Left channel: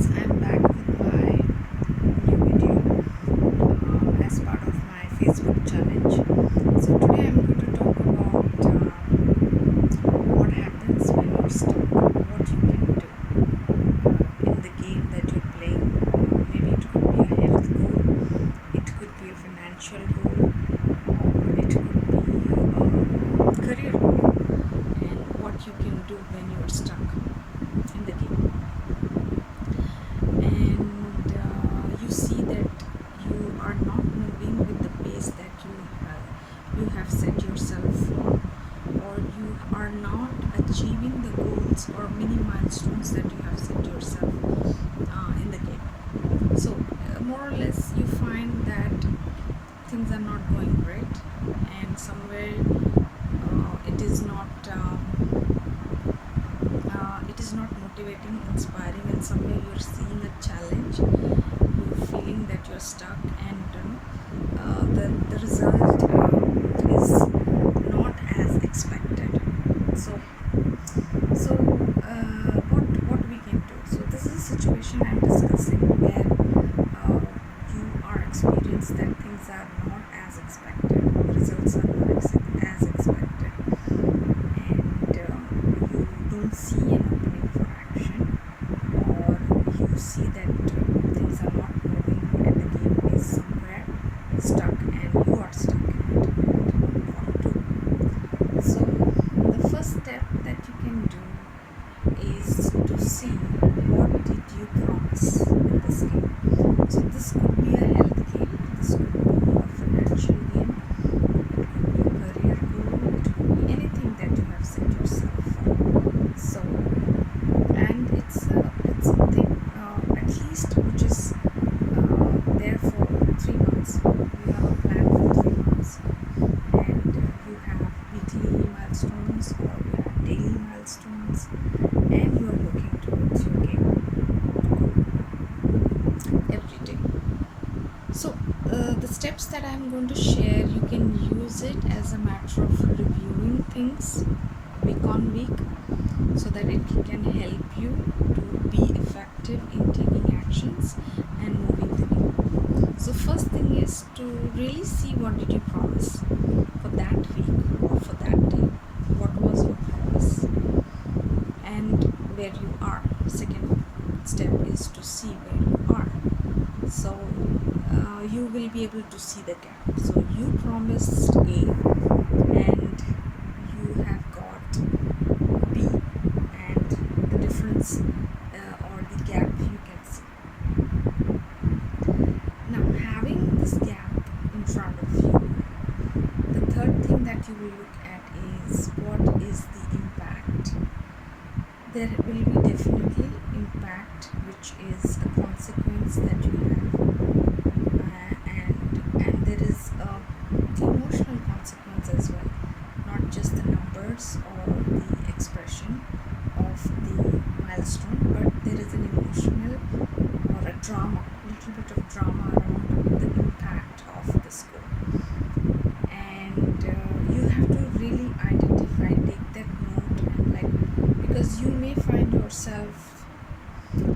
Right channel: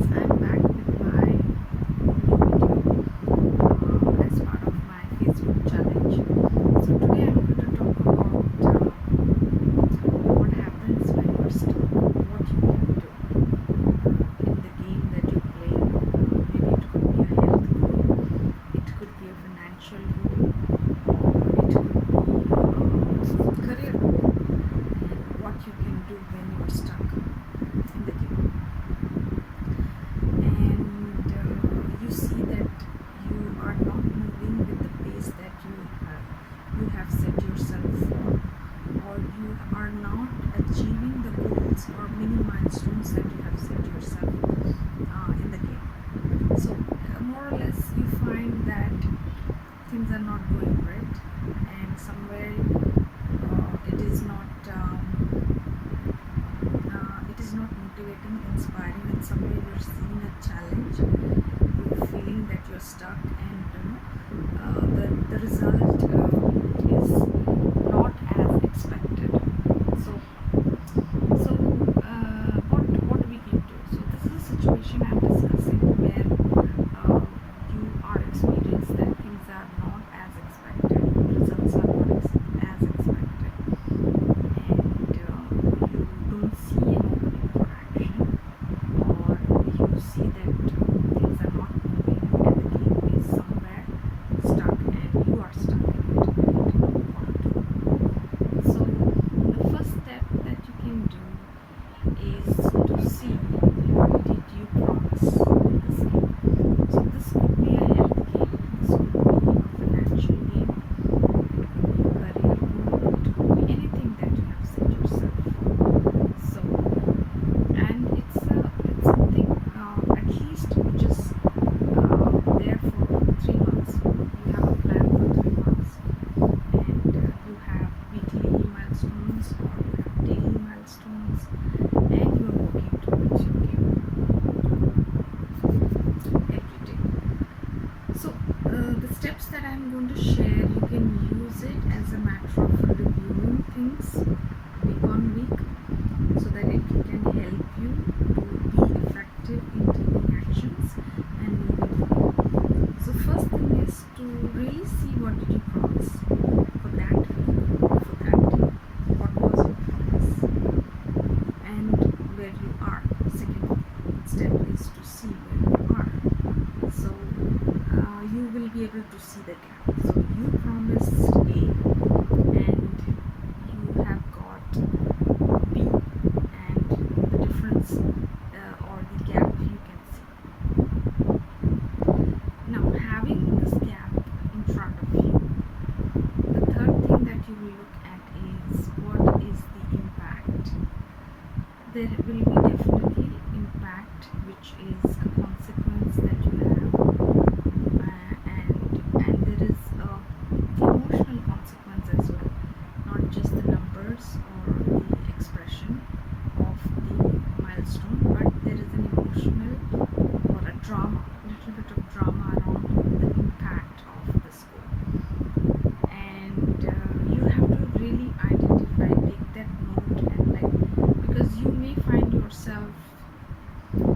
friends, I'm back with my new video as part of my Facebook challenge. So today I'm going to talk about what happens when you're stuck, what you can do in the game that you're playing. Maybe it could be a health goal, it could be a financial goal, or it could be a career goal, and what you can do when you're stuck in the game. And you see that you are not moving with the pace that you have set yourself for, or you are not achieving the goals or mini milestones that you have set yourself in the game. So more or less you find that things are not going great, and somewhere it is not motivating, inspiring, and somewhere you're seeing a challenge, you're feeling that you're stuck, and the result is not as expected. So what we can do. So this is a situation I'm discussing where you are experiencing that things are not as expected, the results are not as expected, and you don't see an opening for action, or you see that things are not moving and the game is somewhere stuck and you are stuck in it and don't know what to do. So the first step that you can do is to see what did you promise in this game. So this could be a health game, this could be a financial game, it could be a career goal, it could be anything that you have set yourself for. So, and it's something at least which is there for 3 months. You have a plan for 3 months, and you have weekly milestones or you have daily milestones, and you are working towards your game goal every day. So the steps that I'm going to share, you can use it as a matter of reviewing things week on week, so that it can help you to be effective in taking actions and moving the game. So first thing is to really see what did you promise for that week or for that day. What was your promise and where you are. Second step is to see where you are. So you will be able to see the gap. So you promised A and you have got B, and the difference or the gap you can see. Now, having this gap in front of you, the third thing that you will look at is what is the impact. There will be definitely impact, which is a consequence that you have, and there is a emotional consequence as well, not just the numbers or the expression of the milestone, but there is an emotional or a drama, little bit of drama around the impact of this goal. And you have to really identify, take that note, and because you may find yourself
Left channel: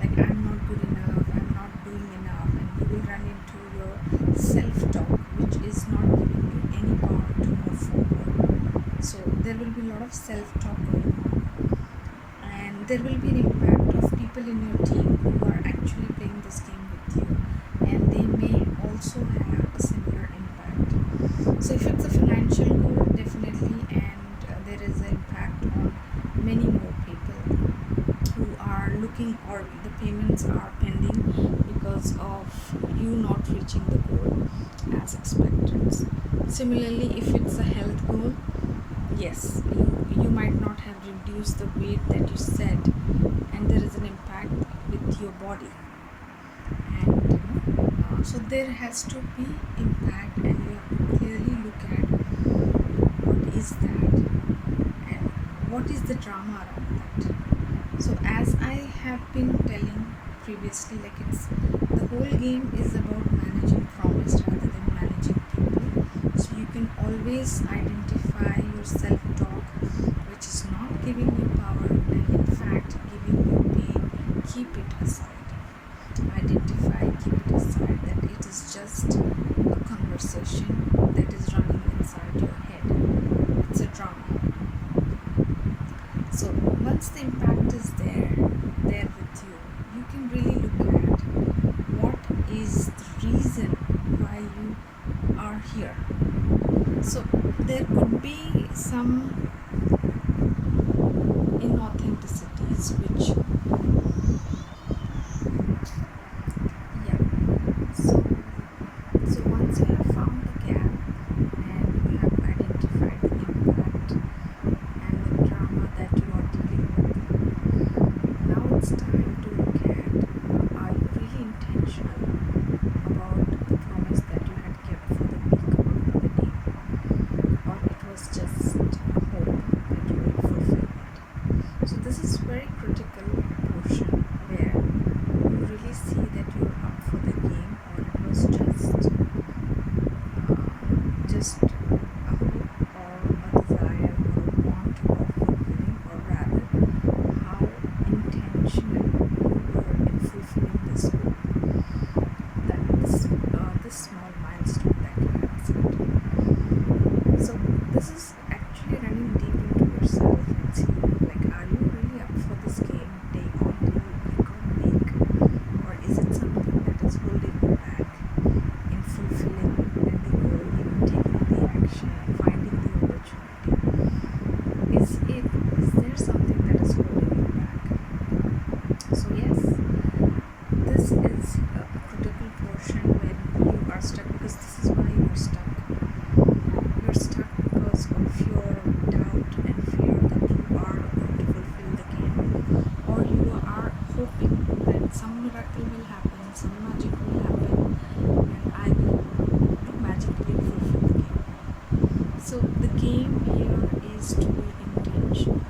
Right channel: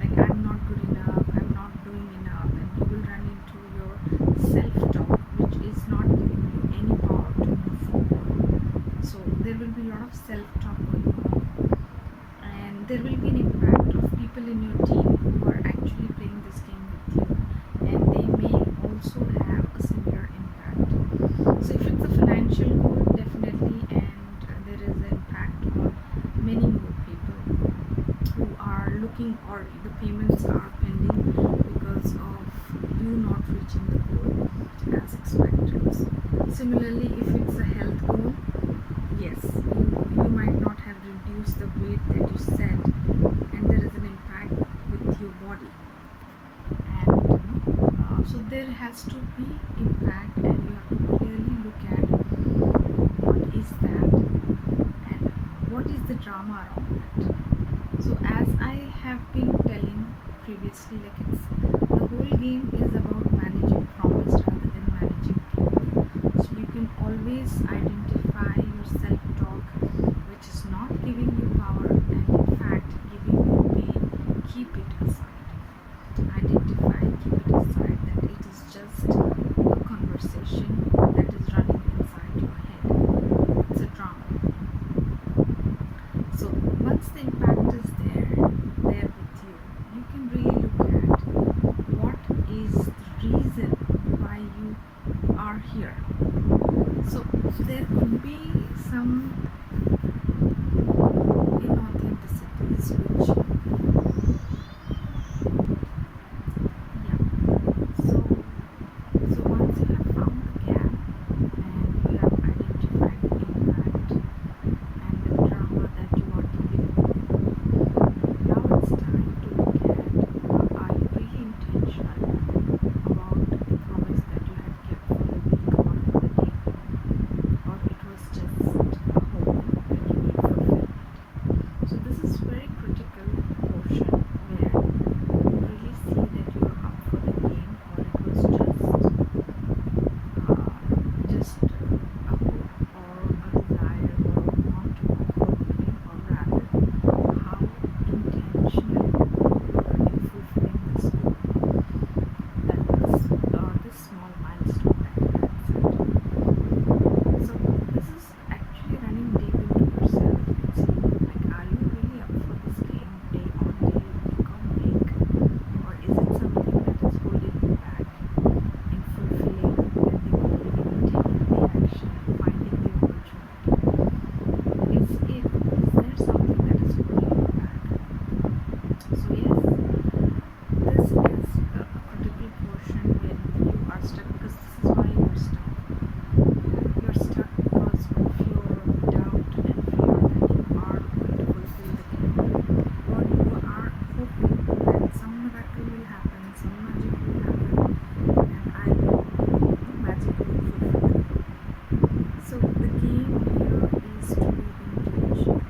like, I'm not good enough, I'm not doing enough, and you will run into your self-talk, which is not giving you any power to move forward. So there will be a lot of self-talk going on, and there will be an impact of people in your team who are actually playing this game with you, and they may also have a similar impact. So if it's a financial goal, definitely, and there is an impact on many more people who are looking, or the payments are pending because of you not reaching the goal as expected. Similarly, if it's a health goal, yes, you might not have reduced the weight that you set, and there is an impact with your body, and so there has to be impact, and you have to clearly look at what is that and what is the drama around that. So as I have been telling previously, like, it's the whole game is about managing promise rather than managing people. So you can always identify your self-talk which is not giving you power and in fact giving you pain. Keep it aside. conversation that is running inside your head. It's a drama. So once the impact is there with you, you can really look at what is the reason why you are here. So there could be some inauthenticities which, yeah, so once you have found the gap and you have identified the impact and the drama that you are dealing with, now it's time to look at, are you really intentional about the promise that you had kept for the week or for the day, or it was just a hope that you will fulfill it. So this is very critical portion where you really see that you're up for the game, or it was just a hope or a desire or a want of fulfilling, or rather how intentional you were in fulfilling this goal, that this small milestone that you had set. So this is actually running deep into yourself and see, like, are you really up for this game day on day, week on week, or is it something that is holding you back in fulfilling the goal, even taking the action, finding the opportunity? Is there something that is holding you back? So yes, this is a critical portion when you are stuck, because this is why you are stuck. You're stuck because of your doubt and fear that you are going to fulfill the game, or you are hoping that some miracle will happen, some magic will happen, and I will magically fulfill the game. So the game here is to be intentional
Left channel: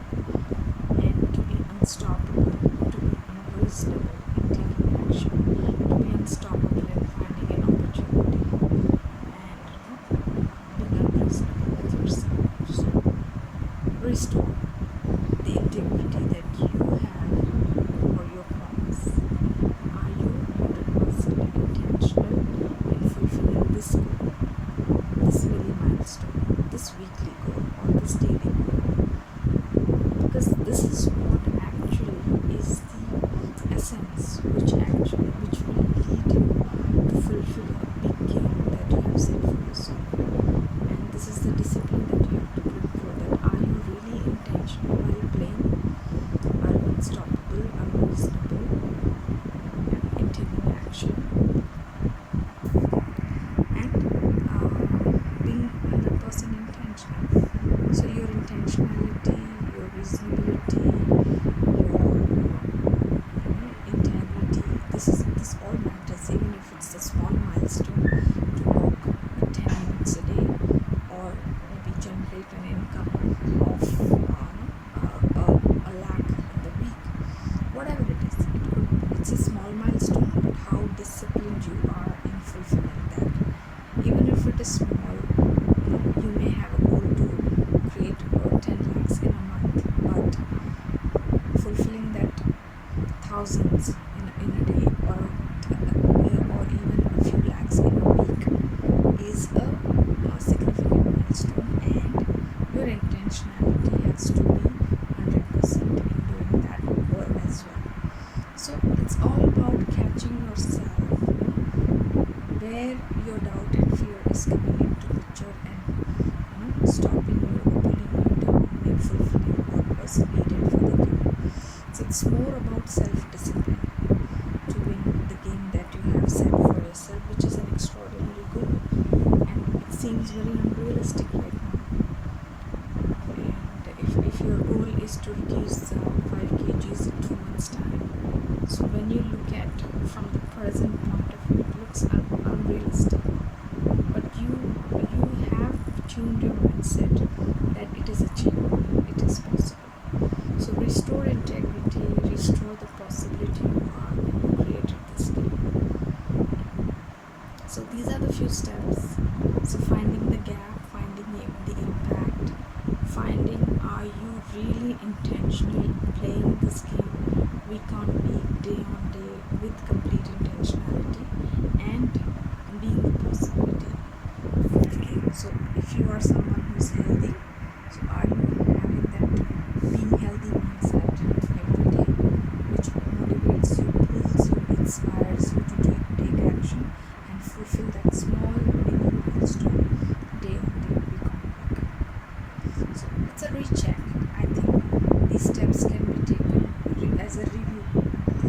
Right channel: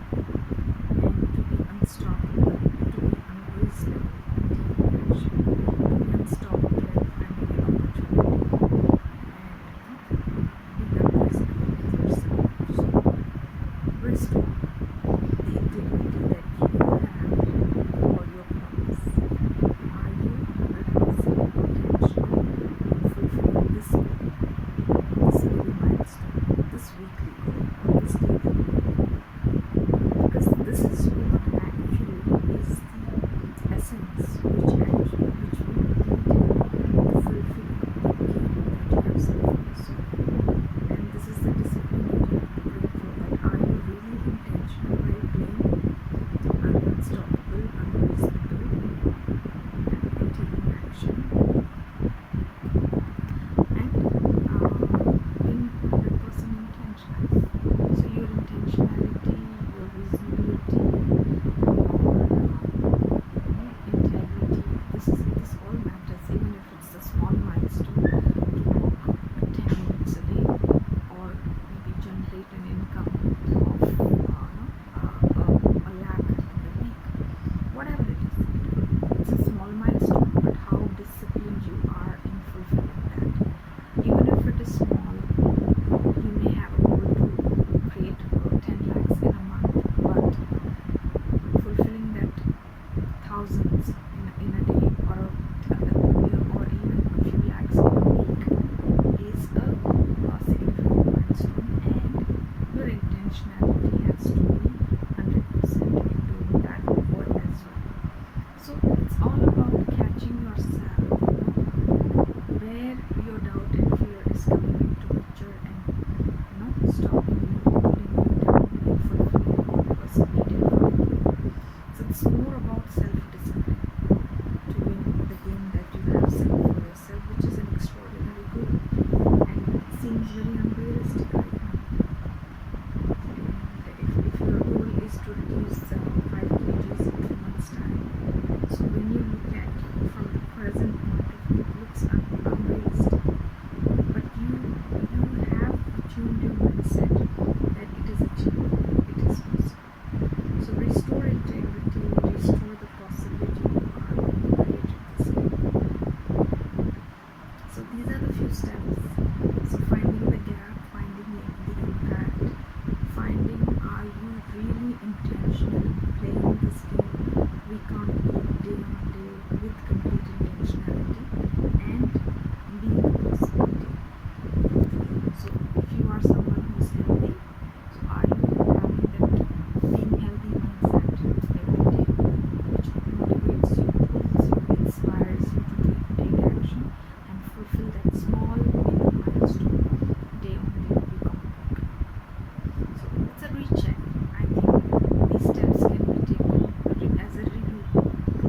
and to be unstoppable, to be unreasonable in taking action, to be unstoppable in finding an opportunity, and being unreasonable with yourself. So restore the integrity that you have for your promise. Are you 100% intentional in fulfilling this goal, this daily milestone, this weekly goal, or this daily goal? Because this is what actually is the essence which will lead you to fulfill a big game that you have set for yourself. And this is the discipline that you have to bring forth, that are you really intentional while playing? Are you unstoppable, unreasonable, in taking action, and being 100% intentional? So your intentionality, your reasonability, your integrity, this all matters, even if it's a small milestone to walk 10 minutes a day, or maybe generate an income of a lakh in the week. Whatever it is, it's a small milestone, but how disciplined you are in fulfilling that. Even if it is small, you may have a goal to create 10 lakhs in a month, but fulfilling that thousands in a day, or even a few lakhs in a week is a significant milestone, and your intentionality has to be 100% in doing that goal as well. So it's all about catching yourself, where your doubt and fear is coming into picture, and stopping you, pulling you down in fulfilling what was needed for the game. So it's more about self-discipline to win the game that you have set for yourself, which is an extraordinary goal, and it seems very unrealistic right now. And if your goal is to reduce 5 kgs in 2 months' time, so when you look at from the present point of view, it looks unrealistic, but you have tuned your mindset that it is achievable, it is possible. So restore integrity, restore the possibility you are when you created this game. So these are the few steps. So finding the gap, finding the impact, finding, are you really intentionally playing this game week on week, day on day, with complete intentionality, and being the possibility.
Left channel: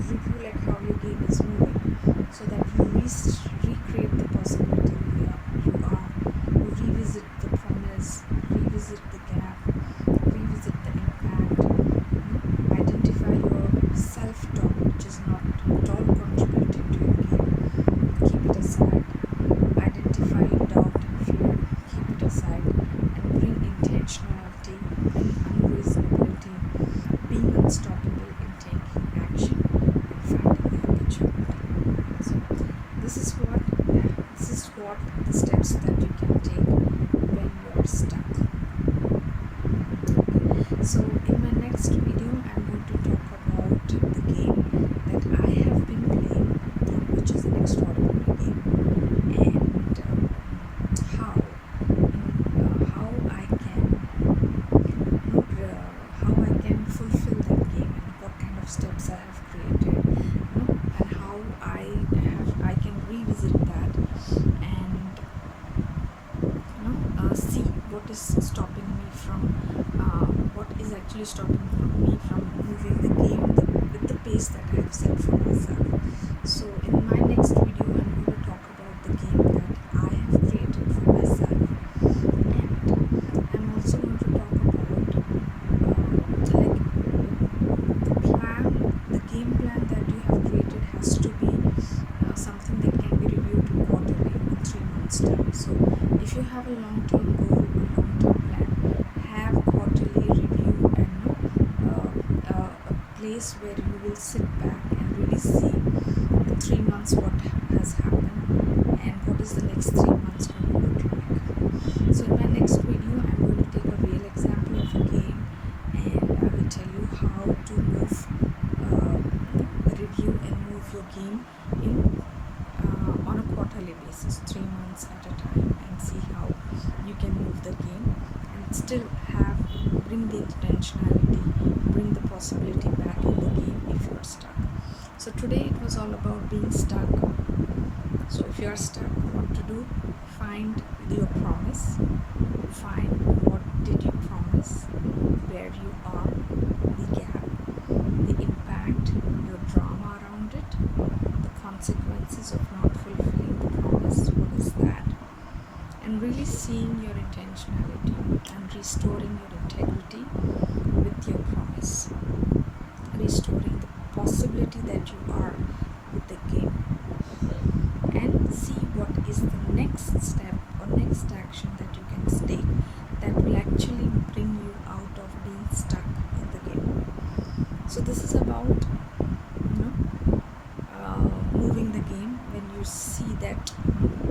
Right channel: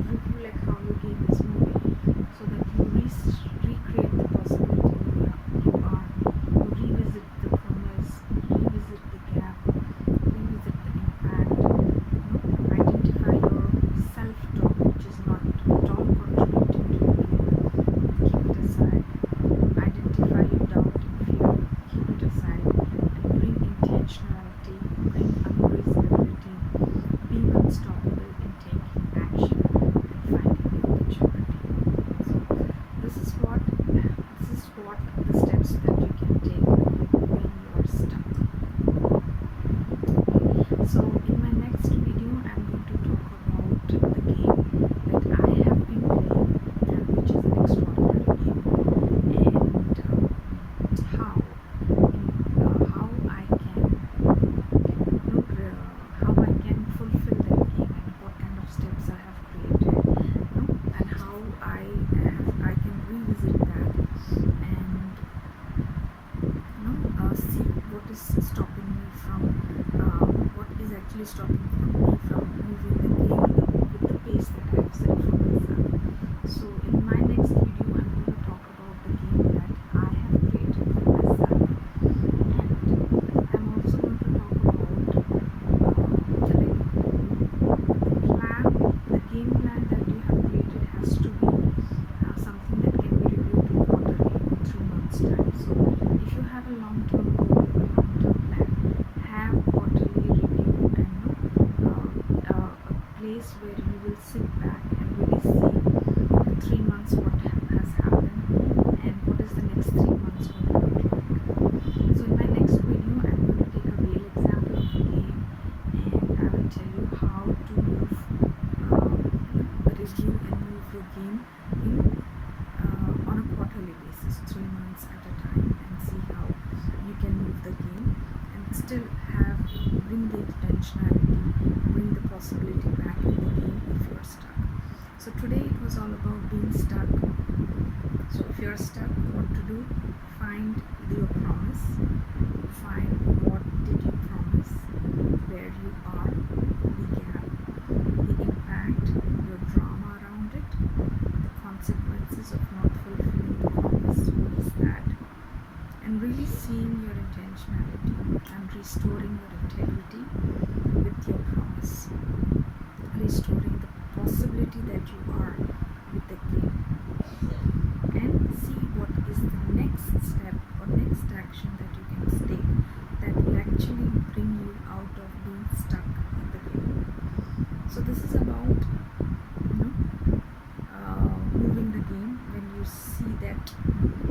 review like how your game is moving, so that you recreate the possibility you revisit the promise, revisit the gap, revisit the impact, identify your self-talk which is not at all contributing to your game, keep it aside, identify your doubt and fear, keep it aside, and bring intentionality, bring unreasonability, being unstoppable in taking action and finding the opportunity. So this is what the steps that you can take when you're stuck. Okay. So in my next video I'm going to talk about the game that I have been playing, and which is an extraordinary game, and how I can fulfill that game, and what kind of steps I have created, and how I can revisit that, and see what is stopping me from what is actually stopping me from moving the game with the pace that I have set for myself. So in my next video I'm going to talk about the game that I have created for myself, and I'm also going to talk about the game plan that you have created has to be something that can be reviewed quarterly in 3 months time. So if you have a long-term goal, a long-term plan, have quarterly review, and a place where you will sit back and really see the 3 months what has happened and what is the next 3 months going to look like. So in my next video I'm going to take a real example of a game, and I will tell you how to move review and move your game in on a quarterly basis, 3 months at a time, and see how you can move the game and still bring the intentionality, bring the possibility back in the game if you are stuck. So today it was all about being stuck. So if you are stuck, what to do? Find your promise, find what did you promise, where you are, the gap, the impact, your drama around it, the consequences of not fulfilling the promise, what is that, and really seeing your intentionality and restoring your integrity with your promise, restoring the possibility that you are with the game, and see what is the next step or next action that you can take that will actually bring you out of being stuck in the game. So this is about moving the game when you see that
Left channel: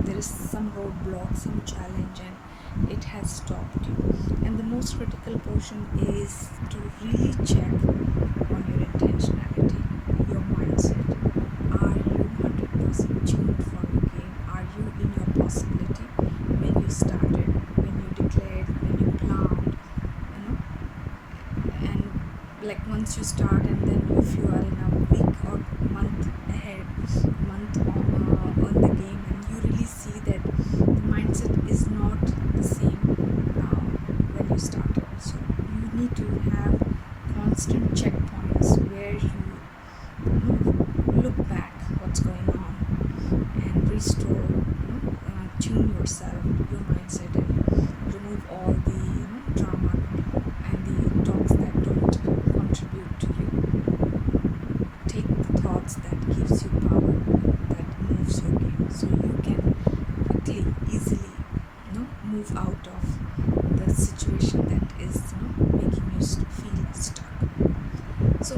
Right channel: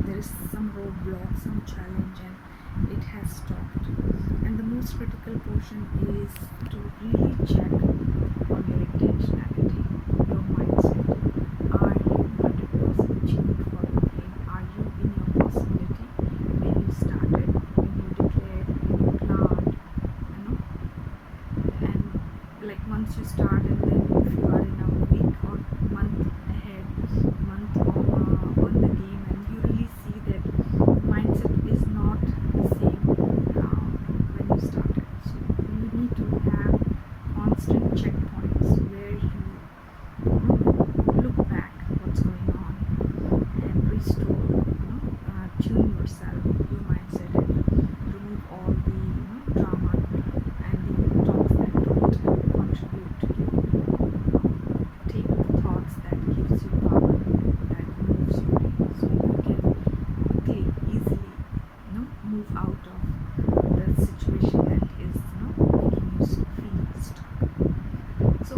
there is some roadblock, some challenge, and it has stopped you. And the most critical portion is to really check on your intentionality, your mindset. Are you 100% tuned for your game? Are you in your possibility when you started, when you declared, when you planned, and like once you start, and then if you are in a week or month ahead, on the game, and you really see that the mindset is not the same when you started. So you need to have constant checkpoints where you look back what's going on and restore, tune yourself, your mindset, and remove all the drama and the talks that don't contribute to you. Take the thoughts that gives you power, that moves your game, so you can quickly, easily move out of the situation that is making you feel stuck. So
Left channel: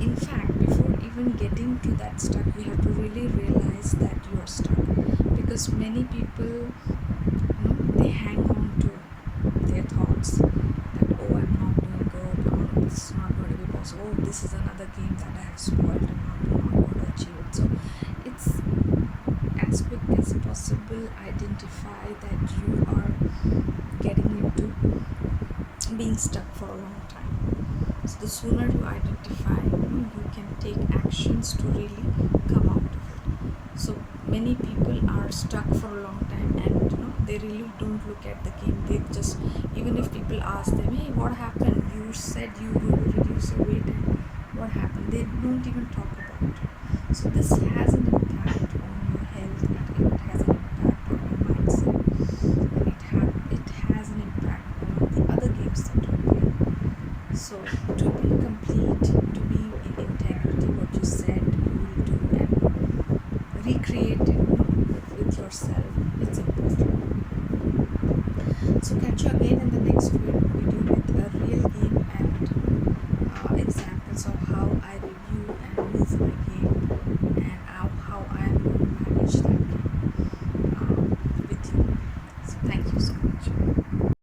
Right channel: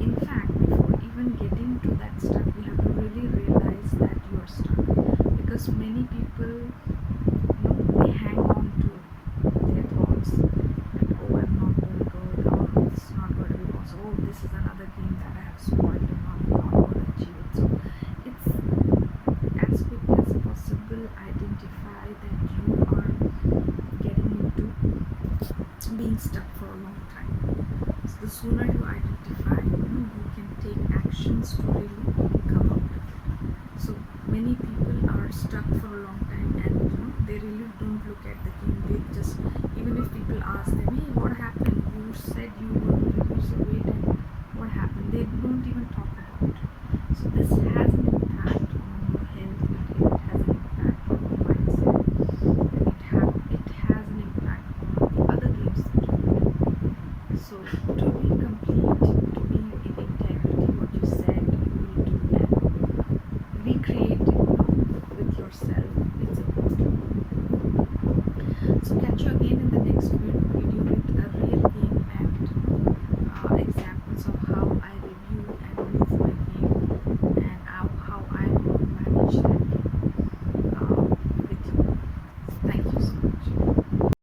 in fact, before even getting to that stuck, you have to really realize that you are stuck, because many people they hang on to their thoughts that, oh, I'm not doing good, oh, this is not going to be possible, oh, this is another game that I have spoiled and not going to achieve it. So it's as quick as possible identify that you are getting into being stuck for a long time. So the sooner you identify, you can take actions to really come out of it. So many people are stuck for a long time, and they really don't look at the game. They just, even if people ask them, hey, what happened? You said you were going to reduce your weight, and what happened? They don't even talk about it. So this has an impact on your health, and it has an impact on your mindset, and it has an impact on the other games that you play. So to be complete, to be in integrity, what you said you will do and recreate it, with yourself, it's important. So catch you again in the next